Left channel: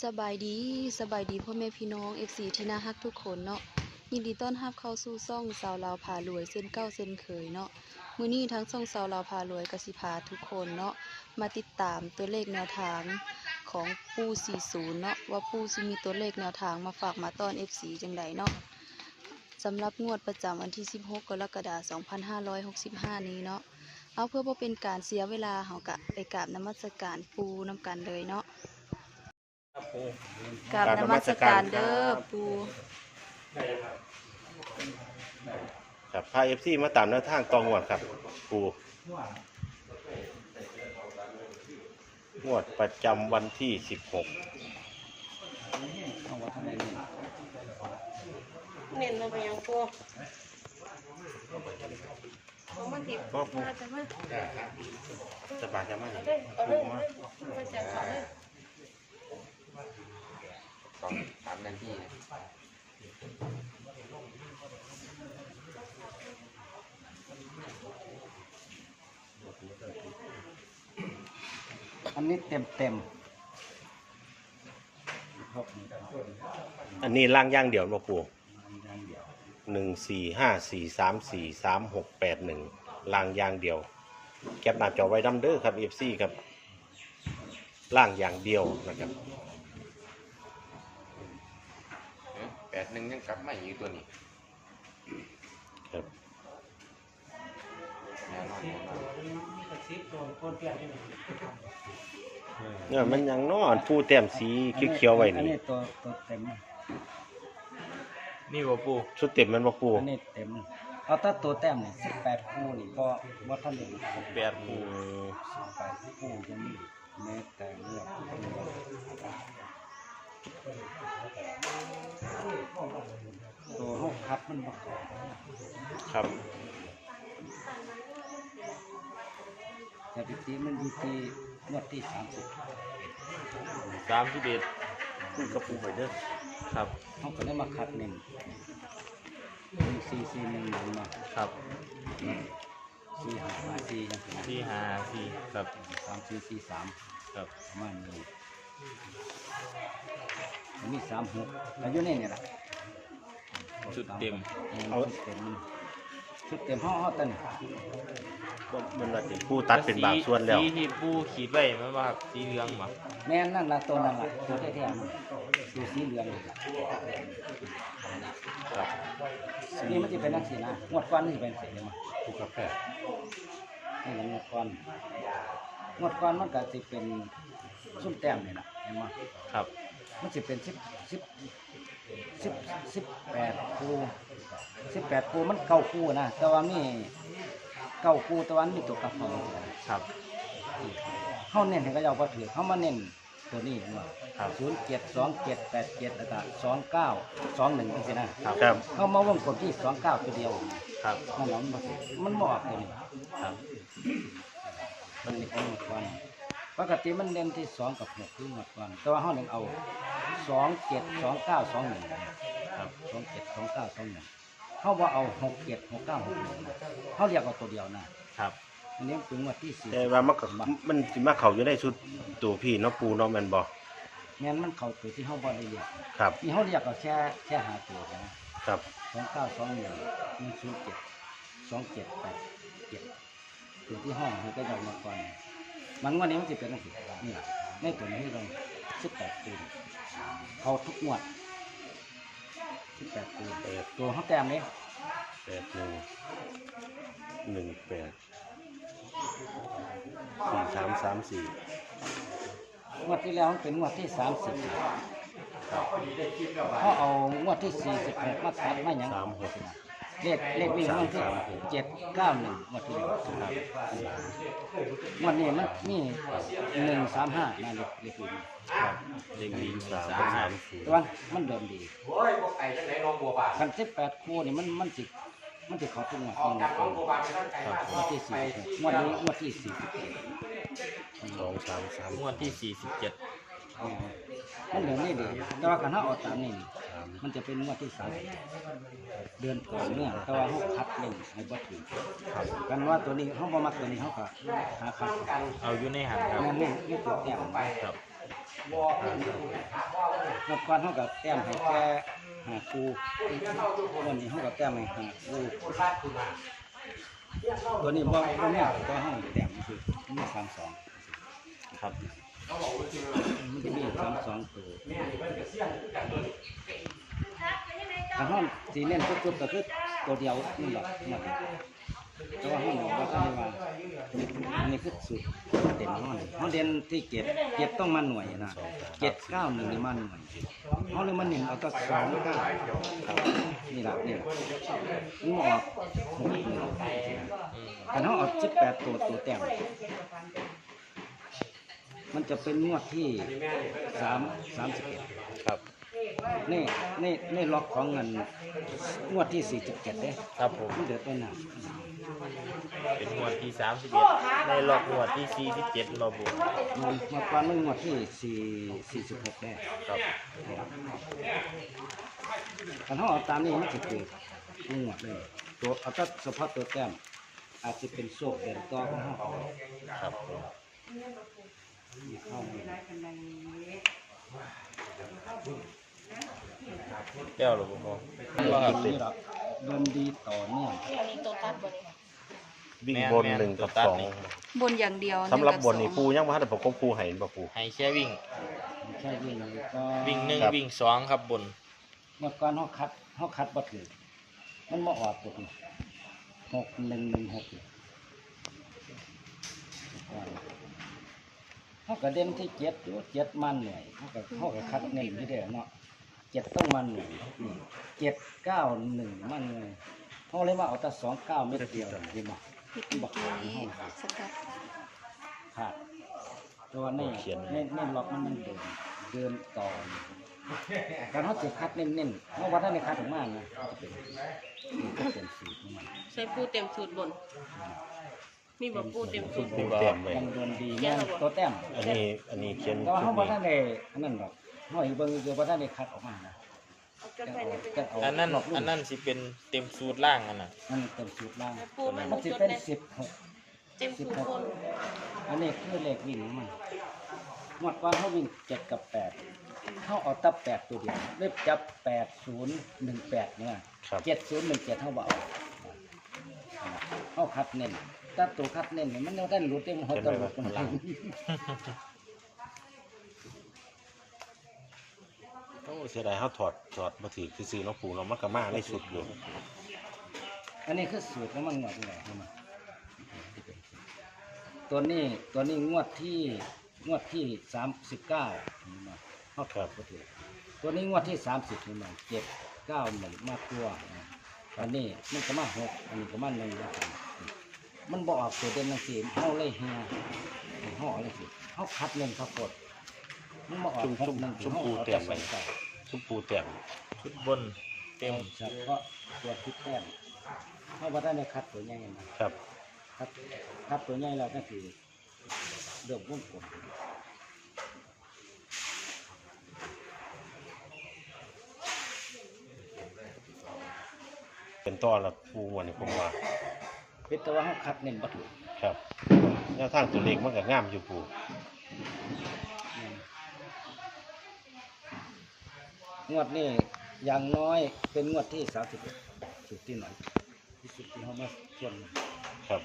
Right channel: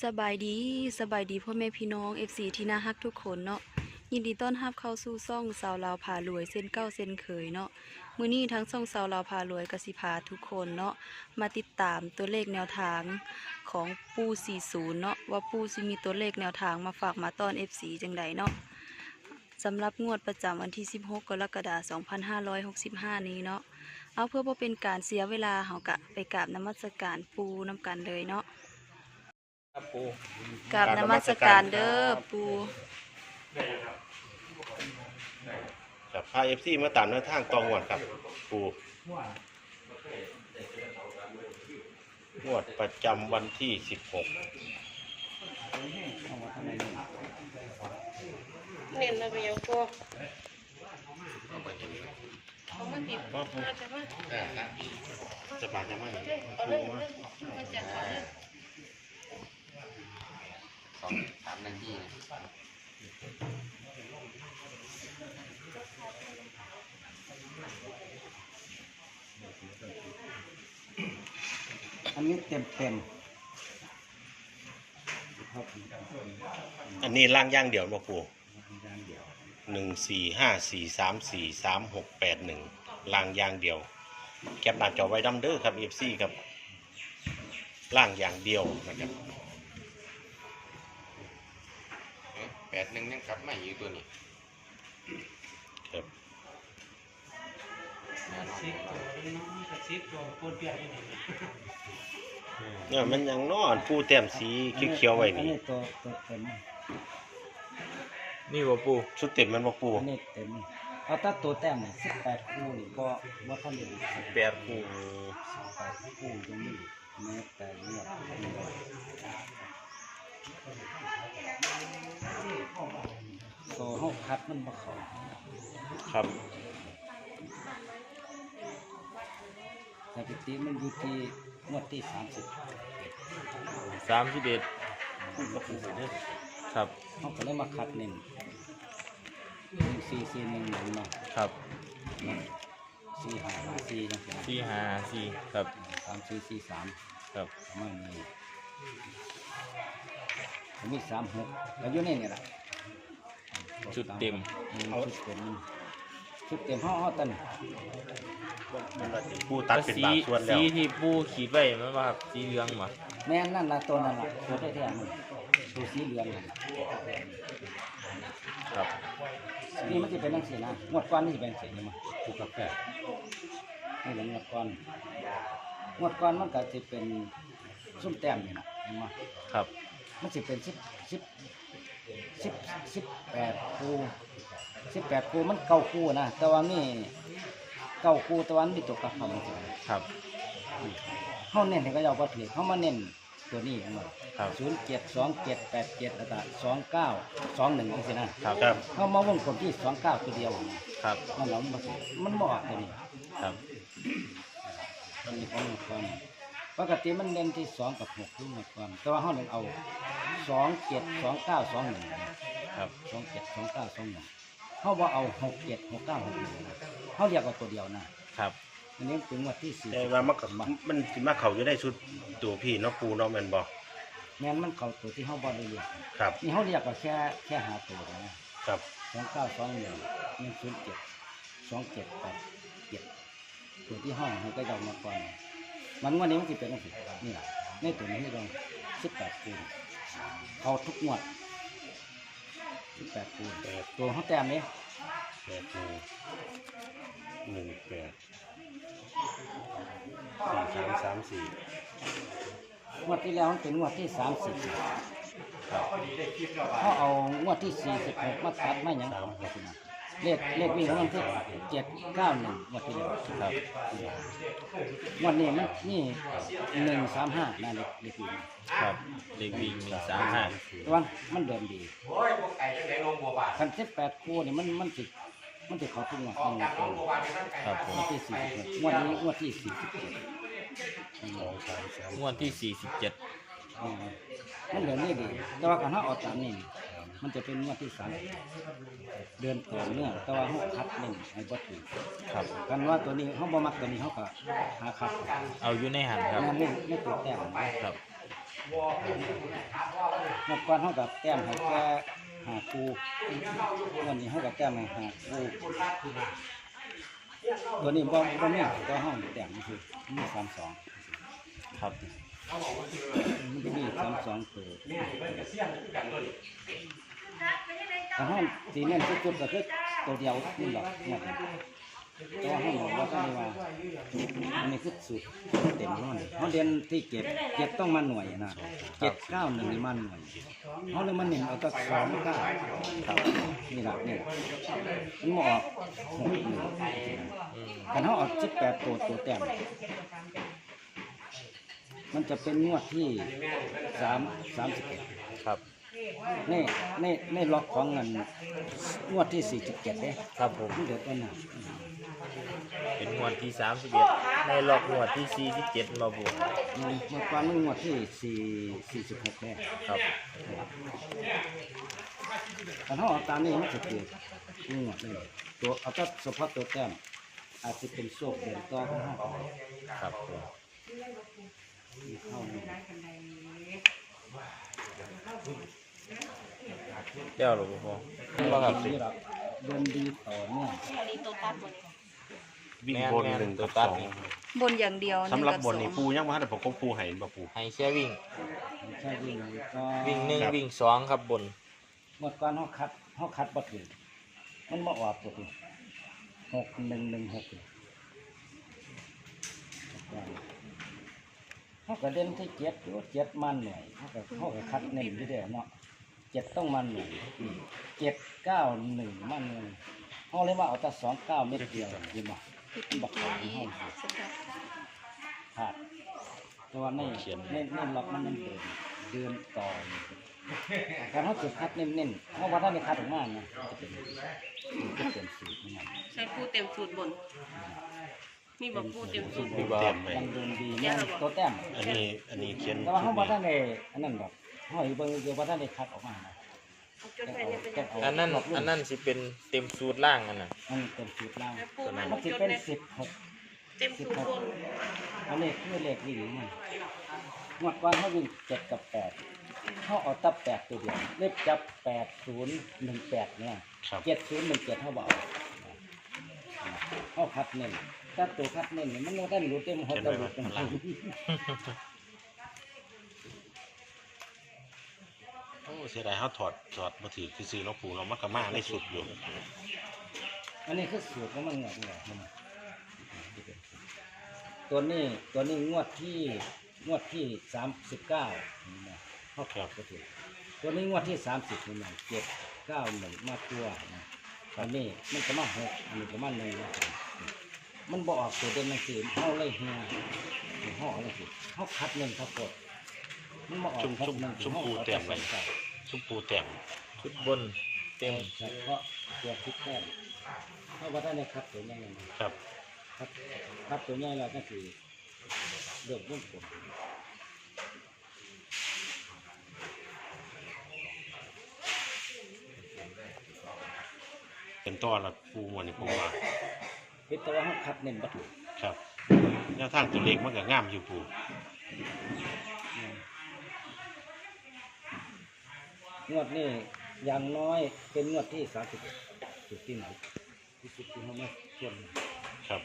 สบายดีสบายดีพ่อแม่พี่น้อง FC ที่น่าฮักทุกคนเนาะยินดีต้อนรับเข้าสู่ซ่องสาวลาวพารวยเส้นเก้าเส้นเคยเนาะมือนี้ทั้งซ่องสาวลาวพารวยกสิพาทุกคนเนาะมาติดตามตัวเลขแนวทางของปู40เนาะว่าปูสิมีตัวเลขแนวทางมาฝากมาต้อน FC จังใดเนาะสำหรับงวดประจำวันที่ 16 กรกฎาคม2565 นี้เนาะเอาเพื่อบ่เป็นการเสียเวลาเฮากะไปกราบนมัสการปูนํกันเลยเนาะ ปูกราบนมัสการเด้อปูครับพาเอฟซีมาตามแนวทางตองวดครับ ปูงวดประจำวันที่ 16 เน้นมาเป็นยังพวกเอามาติดโอ้โหอาจจะมาจะบาดจะไม่เอาเลยเอาเลยเอาแจกของเลย สองสามนาทีนะอันนี้เต็มเต็มอันนี้ล่างย่างเดี่ยวมาปูอย่างเดียวหนึ่งสี่ห้าสี่สามสี่สามหกแปดหนึ่งล่างย่างเดี่ยว แคปหน้าจอไว้ดัมเดอร์ครับเอฟซีครับล่างอย่างเดียวนะครับ แป ดหนึ่งยังกลับมาอยู่ตัวนี้ครับแน่นอนเนี่ยมันยังนอนปูแต้มสีเขียวๆไว้อันนี่นี้ตัวตัวเต็มนี่บ่ปูชุดเต็มมันมาปูอันนี้เต็มเอาแตัตัวแต้มเนี่ยสิบแปดคู่นี่ก็ว่าท่านเดียวแปดปูสิบแปด ตัวหกคัดมันมาขอครับสถิติมันอยู่ที่งวดที่สามสิบสามสิบเอ็ดปูกับปูไปเด้อครับเขาก็เลยมาคัดหนึ่งหนึ่งสี่สี่หนึ่งหนึ่งมาครับสี่ห้าห้าสี่จังซี่นะสี่ห้าสี่ครับสามสี่สี่สามครับประมาณนี้ผมมีสามหกแล้วอยู่ในนี่แหละ ชุดเต็มอืมชุดเต็มมันชุดเต็มห้องห้อตันมันละติปูตัดเป็นบางส่วนแล้วสีที่ปูขีดไว้มันว่าสีเหลืองมาแม่นนั่นละตัวนั่นละตัวแท้ๆมันตัวสีเหลืองนี่ล่ะครับนี่มันจะเป็นนักสีนะงวดก้อนนี่จะเป็นสีนี่มาถูกกาแฟนี่แหละงวดก้อนงวดก้อนมันก็จะเป็นส้มแต้มนี่แหละเห็นไหมครับ มันจะเป็นสิบสิบ สิบสิบแปดคู่สิบแปดคู่มันเก้าคู่นะแต่ว่านี่เก้าคู่แต่ว่ามีตัวกลับเข้ามาถึงครับเขาเน้นให้เขาเอาไปถือเขามาเน้นตัวนี้มาครับศูนย์เจ็ดสองเจ็ดแปดเจ็ดแล้วก็สองเก้าสองหนึ่งนี่สินะครับครับเขามาวงกลมที่สองเก้าตัวเดียวนะครับนั่นแหละมันบ่ถือมันบออกตัวนี้ครับมันมีของหมดก่อนปกติมันเน้นที่สองกับหกที่หมดก่อนแต่ว่าเขาเน้นเอา สองเจ็ดสองเก้าสองหนึ่งครับ สองเจ็ดสองเก้าสองหนึ่งเขาว่าเอาหกเจ็ดหกเก้าหกหนึ่งนะเขาเรียกเอาตัวเดียวนะครับ อันนี้เป็นงวันที่สี่แต่ว่ามันก็มันสิมาเข้าอยู่ในชุดตัวพี่เนาะปูเนาะแม่นบ่แม่นมันเข้าตัวที่เขาบริเรียกครับ นี่เขาเรียกเอาแค่แค่หาตัวนะครับ สองเก้าสองหนึ่งหนึ่งศูนย์เจ็ดสองเจ็ดแปดเจ็ดตัวที่ห้องให้ก็ยาวมาก่อน มันงวันนี้มันจะเป็นอะไรนี่แหละในตัวนี้เราสิบแปดปี เขาทุกงวดสิบแปดปีแปดตัวเขาแต้มนี้แปดหนึ่งหนึ่งแปดสี่สามสามสี่งวดที่แล้วมันเป็นงวดที่สามสิบเขาเอางวดที่สี่สิบหกมาตัดมาอย่างสามหก เลขเลขวิ่งของมันที่เจ็ดเก้าหนึ่งงวดที่แล้วงวดนี้มันนี่หนึ่งสามห้านั่นเลขเลขวิ่งครับเด็กวิ่งหนึ่งสามห้าแต่ว่ามันเดิมดีคันสิบแปดคู่นี่มันมันติดมันติดเขาทุกงวดในงวดก่อนครับงวดที่สี่สิบหกงวดนี้งวดที่สี่สิบเจ็ดสองสามสามงวดที่สี่สิบเจ็ดอืมมันเดินนี่ดีแต่ว่าการถ้าเออกตามนี่ มันจะเป็นงวดที่สามเดือนก่อนเนี่ยแต่ว่าเขาคัดหนึ่งให้บ่ถึงครับกันว่าตัวนี้เขาบ่มักตัวนี้เขาก็หาคัดเอาอยู่ในหันครับนั่นนี่นี่ตัวแต้มนะครับงวดก่อนเขากับแต้มให้แค่หาครูวันนี้เขากับแต้มให้หาครูตัวนี้บ่บ่มีตัวห้องแต้มคือมีสามสองครับมันจะมีสามสองตัว แต่ห้องสีเน้นสุดๆก็คือตัวเดียวนี่หรอกหมดแต่ว่าห้องว่าต้องเรียกว่าอันนี้คือสุดเต็มห้องห้องเด่นที่เจ็ดเจ็ดต้องมาหน่วยนะเจ็ดเก้าหนึ่งนี่มาหน่วยห้องเลยมาหนึ่งเอาตัวสองเก้าครับนี่แหละนี่นี่มาออกหกหนึ่งแต่ห้องออกสิบแปดตัวตัวแต้มมันจะเป็นงวดที่สามสามสิบเอ็ดครับ นี่นี่นี่ล็อกของเงินงวดที่สี่จุดเจ็ดเด้ครับผมมันเดือดได้หนักเป็นงวดที่สามสิบเอ็ดในรอบงวดที่สี่สิบเจ็ดรอบวมันมาก่อนมันงวดที่สี่สี่สิบหกได้ครับแต่ถ้าเอาตามนี้มันจะเกิดงวดเลยตัวเอาแต่เฉพาะตัวแต้มอาจจะเป็นโชคเด่นต่อของห้าครับผมมีข้อมูล เจ้าหรือเปล่านี่เราเดินดีต่อเนื่องมีตัวตัดบนวิ่งบนหนึ่งกับสองบนอย่างเดียวหนึ่สำงหรับกับบสนอนี่งปูยังมาให้ประกบปูให้บ่ปูให้แค่วิ่งไม่ใช่วิ่งเลยก็วิ่งหนึ่งครับวิ่งสองครับบนเมื่อก่อนเขาคัดเขาคัดบัตรมันมาออกตัวนี้หกหนึ่งหนึ่งหกเลยเขาก็เด่นที่เจ็ดอยู่เจ็ดมันหน่วยเขาก็เขาก็คัดเน้นที่เดียวเนาะ เจ็ดต้องมันหน่วยเจ็ดเก้าหนึ่งมันหน่วยเขาเลยว่าเอาแต่สองเก้าเม็ดเดียวดีมั้ยบักหางห้องสกัดขาดตัวในในในล็อกมันนั่นเดินเดินต่อการเขาจะคัดเน้นๆเขาว่าได้ในคัดถึงมากนะจะเป็นจะเป็นสูตรของมันใส่ปูเต็มสูตรบนมีแบบปูเต็มสูตรบปูนเต็มไปยังโดนดีแน่นตัวแต้มอันนี้อันนี้เขียนแต่ว่าเขาว่าได้ในอันนั้นดอก เขาอีกเบิ่งเดียวว่าได้ในคัดออกมานะเอาจนไปเนี่ยเป็นแต่เอาอันนั้นล็อกลูกอันนั้นสิเป็นเต็มสูตรล่างอันน่ะมันเต็มสูตรล่างปูมันมันจจะนเป็นเนี่ยสิบหกเต็มสูตรบนอันนี้คือเลขวิ่งของมันงวดว่าเขาวิ่งเจ็ดกับแปดเขาเอาตับแปดตัวเดียวเล็บจับแปดศูนย์หนึ่งแปดเนี่ยครับ เจ็ดศูนย์หนึ่งเจ็ดเขาบอกเขาคัดเน้นถ้าตัวคัดเน้นเนี่ยมันเราได้รู้เต็มหัวเต็มหัวเต็มหัว โอ้ เสียดายเขาถอดถอดมาถือคือซื้อเนาะปูเนาะมันก็มาไม่สุดอยู่อันนี้คือสูตรของมันงวดนี่แหละเห็นไหมตัวนี้ตัวนี้งวดที่งวดที่สามสิบเก้าเขาถอดก็ถือตัวนี้งวดที่สามสิบนี่มันเจ็ดเก้าหนึ่งมาตัวนะอันนี้มันก็มาหกอันนี้ก็มาหนึ่งนะมันบอกออกตัวเป็นหนังสือเขาเลยเฮียห่อเลยสิเขาคัดเงินเขากดมันมาออกชุ่มคัดชุ่มเงินชุ่มเขาปูเอาเต็แต่มสไปองเก้า ชุ่มปูเต็มชุดบนเต็มเฉพาะตัวทิศแต้มเพราะว่าได้ในคัดตัวใหญ่นะครับ คัดคัดตัวใหญ่แล้วก็คือเดือบวงกลมเป็นต้อนละปูวันนี้ผมว่าเป็นตัวเขาคัดเน้นบัตรครับแนวทางตัวเลขมันก็งามอยู่ปู งวดนี้อย่างน้อยเป็นงวดที่สามสิบเอ็ดสุดที่ไหนที่สุดที่เขามาส่วนมาครับ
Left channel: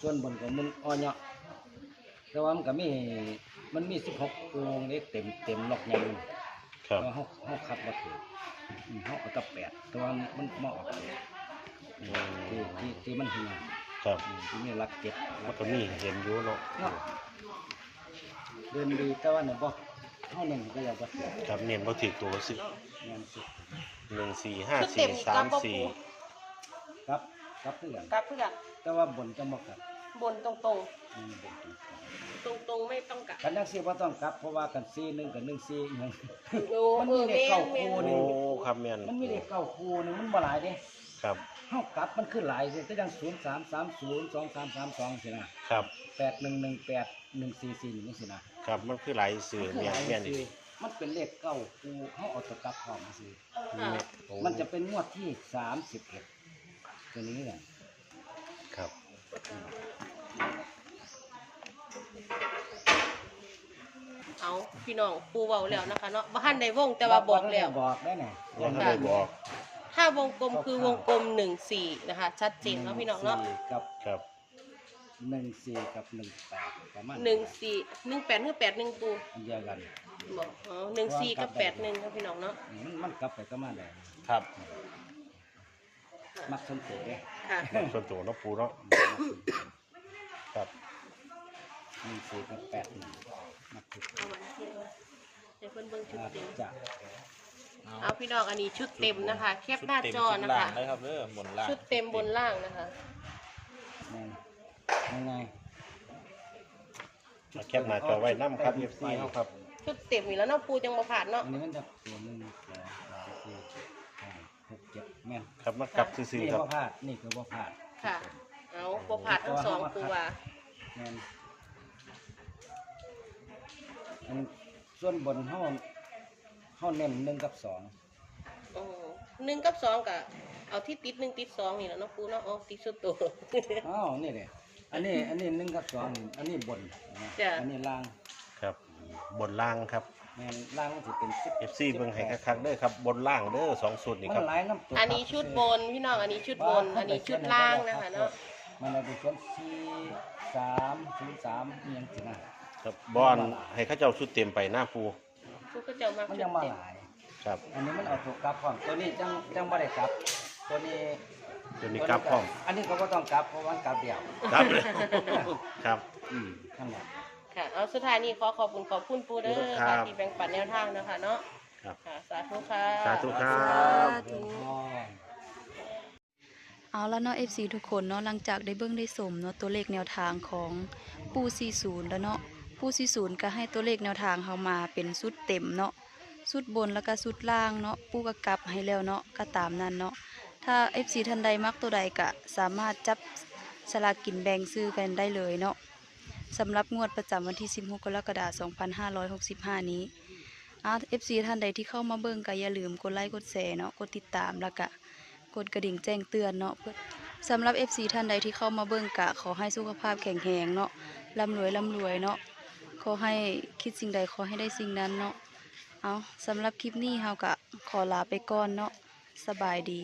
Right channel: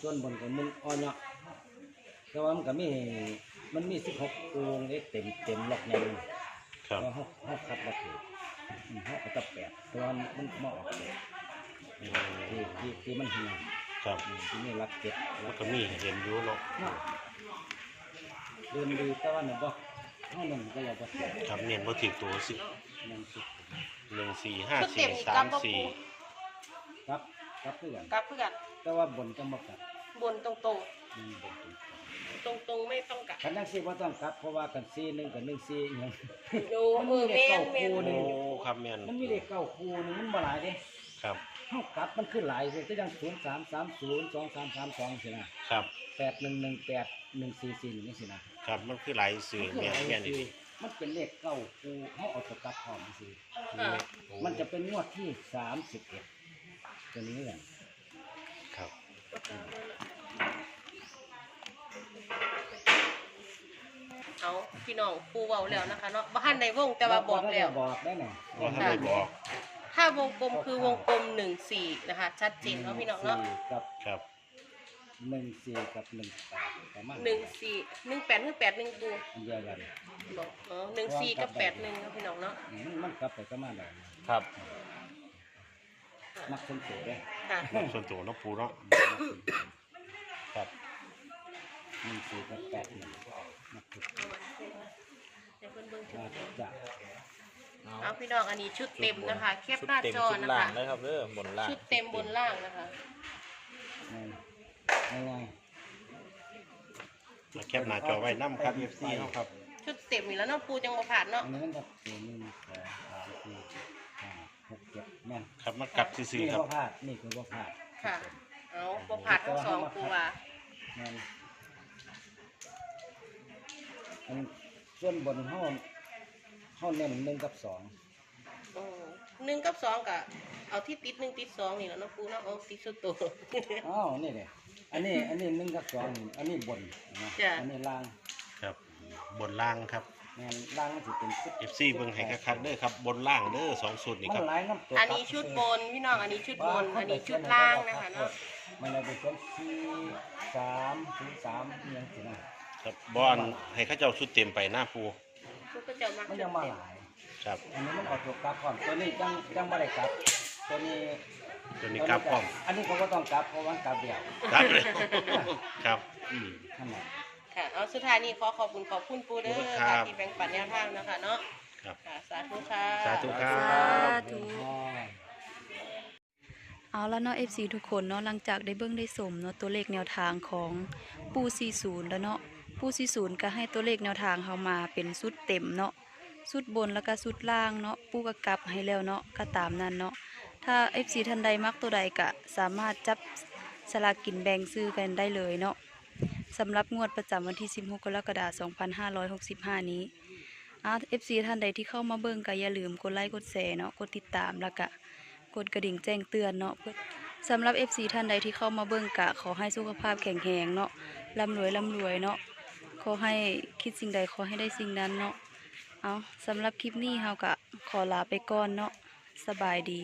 ส่วนบนของมันอ่อนเนาะแต่ว่ามันก็มีมันมีสิบหกองค์นี่เต็มเต็มล็อกในมันครับแต่ว่าเขาเขาคัดบัตรเขาเอาแตัแปดแต่ว่ามันมาออกเจ็ดที่ที่ที่มันเหี่ยครับอืมที่นี่รักเก็บมัรันกก็มีเห็นอยู่เนาะ เนาะเดินดีแต่ว่าเนี่ยบอกเท่านั้นก็ยังบ่เสียครับเน้นว่าถือตัวสิยังสิหนึ่งสี่ห้าสี่สามสี่ครับครับเพื่อนกับเพื่อนแต่ว่าบนจะบอกกับบนตรงตรงอืมบนตรงตรงตรงๆไม่ต้องกลับคันนักสิว่าต้องกลับเพราะว่ากันซีหนึ่งกับหนึ่งซีอหยังดูมันเอมีอเลขแม่เก้านแม่คู่หโอ้นึ่งครับแม่นมันมีเลขเก้าคู่หนึ่งมันบ่หลายเด้ครับเฮากลับมันขึ้นหลายสิก็ยังศูนย์สามสามศูนย์สองสามสามสองสินะครับแปดหนึ่งหนึ่งแปดหนึ่งสี่สี่นี่สินะ ครับมันคือหลายสื่อเนี่ยแน่ยนี่มันเป็นเลขเก้าคูเขาเอาตะกลับหอมมาสิมันจะเป็นงวดที่สามสิบเอ็ดตัวนี้แหละครับาพี่น้องปูเบาแล้วนะคะเนาะบ้านในวงแต่ว่าบอกแล้วบอกได้น่ะว่าได้บอกถ้าวงกลมคือวงกลมหนึ่งสี่นะคะ ชัดเจนเนาะพี่น้องเนาะ สี่กับ ครับ หนึ่งสี่กับหนึ่งแปดประมาณหนึ่งสี่หนึ่งแปดหรือแปดหนึ่งปูอันเดียวกันบอกอ๋อหนึ่งสี่กับแปดหนึ่งครับพี่น้องเนาะอืมมันกลับไปก็มาได้ครับมักสมโตเด้ค่ะ ส่วนตัวเนาะปูเนาะครับหนึ่งสี่กับแปดหนึ่งมักสุดเดี๋ยวเพิ่นเบิ่งชุดอาจเต็มจะเอาเอาพี่น้องอันนี้ชุดเต็มนะคะแคปชุดหน้าเต็มจอชุดนะล่างคะเลยครับเด้อบนล่างชุดเต็มบนล่างนะคะง่าย ง่ายมาแคปหน้าจอไว้น้ำครับ FC เนาะครับ ชุดเต็มนี่แล้วเนาะปูจังบ่ขาดๆเนาะอันนี้มันจะตัวหนึ่งสองสามสี่ห้าหกเจ็ดแม่นครับมากลับซื่อนี่ๆครับก็พลาดนี่คือว่าพลาดค่ะ เอาบ่ขาดทั้งสองตัวแม่นอันส่วนบนห้องห้องเน้นหนึ่งกับสองโอ้หนึ่งกับสองกับเอาที่ติดหนึ่งติดสองนี่แหล้วเนาะปูเนาะเอาติดสุดตัว อ้าวนี่เลย อันนี้อันนี้หนึ่งกับสองอันนี้บนนะจ้ะ อันนี้ล่างครับ บนล่างครับ แม่นล่างมันจะเป็นสิบ FC เบิ่งให้คักๆเด้อครับ บนล่างเด้อสองสูตรนี่มัครันบหลายน้ำตัวอันนี้ชุดบนพี่น้องอันนี้ชุดบน อันนี้ชุดล่างนะคะเนาะมันเลยเป็นชุดที่สามศูนย์สามอิหยังสินะครับบอนให้เข้าเจ้าชุดเต็มไปหน้าปูชุดก็จะมามันชุยัดงมาเต็มหลาย ครับ อันนี้มันเอาตัวกลับพร้อมตัวนี้จังจังไม่ได้กลับ ตัวนี้ ตัวนี้กลับพร้อมอันนี้เขาก็ต้องกลับเพราะว่ามันกลับเดียวครับครับอืม นั่นแหละ ค่ะ เอาสุดท้ายนี้ขอขอบคุณขอบคุณปูเด้อครัค่ะบที่แบ่งปันแนวทางนะคะเนาะครับ ค่ะสาธุค่ะ สาธุครัสาบ ธุอ๋อเอาแล้วเนาะ FC ทุกคนเนาะหลังจากได้เบิ่งได้สมเนาะตัวเลขแนวทางของปู40 แล้วเนาะปู40 ก็ให้ตัวเลขแนวทางเฮามาเป็นสุดเต็มเนาะสุดบนแล้วก็สุดล่างเนาะปูก็กลับให้แล้วเนาะก็ตามนั้นเนาะ ถ้า FC ท่านใดมักตัวใดก็สามารถจับสลากกินแบ่งซื้อกันได้เลยเนาะสำหรับงวดประจำวันที่ 16 กรกฎาคม 2565 นี้อ่า FC ท่านใดที่เข้ามาเบิ่งก็อย่าลืมกดไลค์กดแชร์เนาะกดติดตามแล้วก็กดกระดิ่งแจ้งเตือนเนาะเพื่อสำหรับ FC ท่านใดที่เข้ามาเบิ่งกะ ขอให้สุขภาพแข็งแรงเนาะร่ำรวยร่ำรวยเนาะขอให้คิดสิ่งใดขอให้ได้สิ่งนั้นเนาะเอาสำหรับคลิปนี้เฮากะขอลาไปก่อนเนาะสบายดี